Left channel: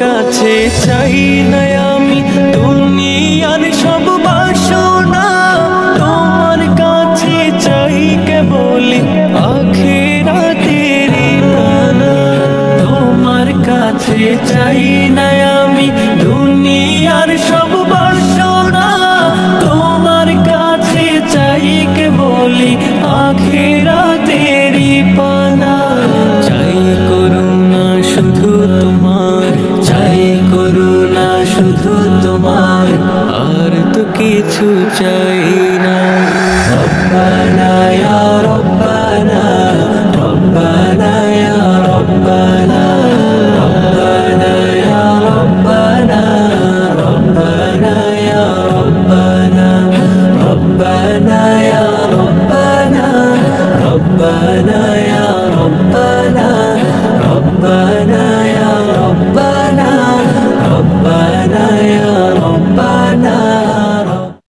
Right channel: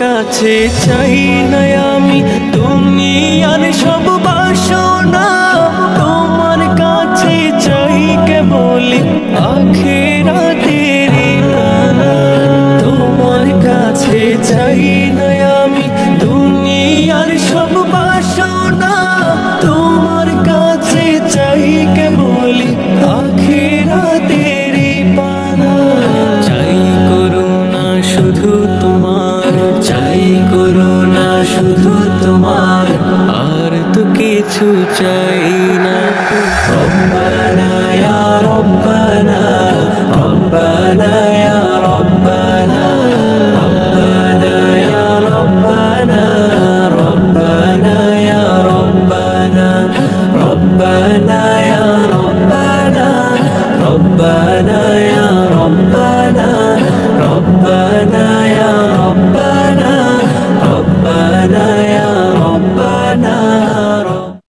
কাছে চাই না আমি দুনিয়ার সব বাসনা, তোমার কাছে চাই কেবলি আখিরাতের পানা। তোমার কাছে চাই না আমি দুনিয়ার সব বাসনা, তোমার কাছে চাই কেবলি আখিরাতের পানা। চাই করুণা শুধু তোমার, চাই করুণা শুধু তোমার, আর তো কিছু চাই না। রব্বানা ইয়া রব্বানা, রব্বানা ইয়া রব্বানা, রব্বানা ইয়া রব্বানা, রব্বানা ইয়া রব্বানা, রব্বানা ইয়া রব্বানা, রব্বানা ইয়া রব্বানা, রব্বানা ইয়া রব্বানা, রব্বানা ইয়া রব্বানা।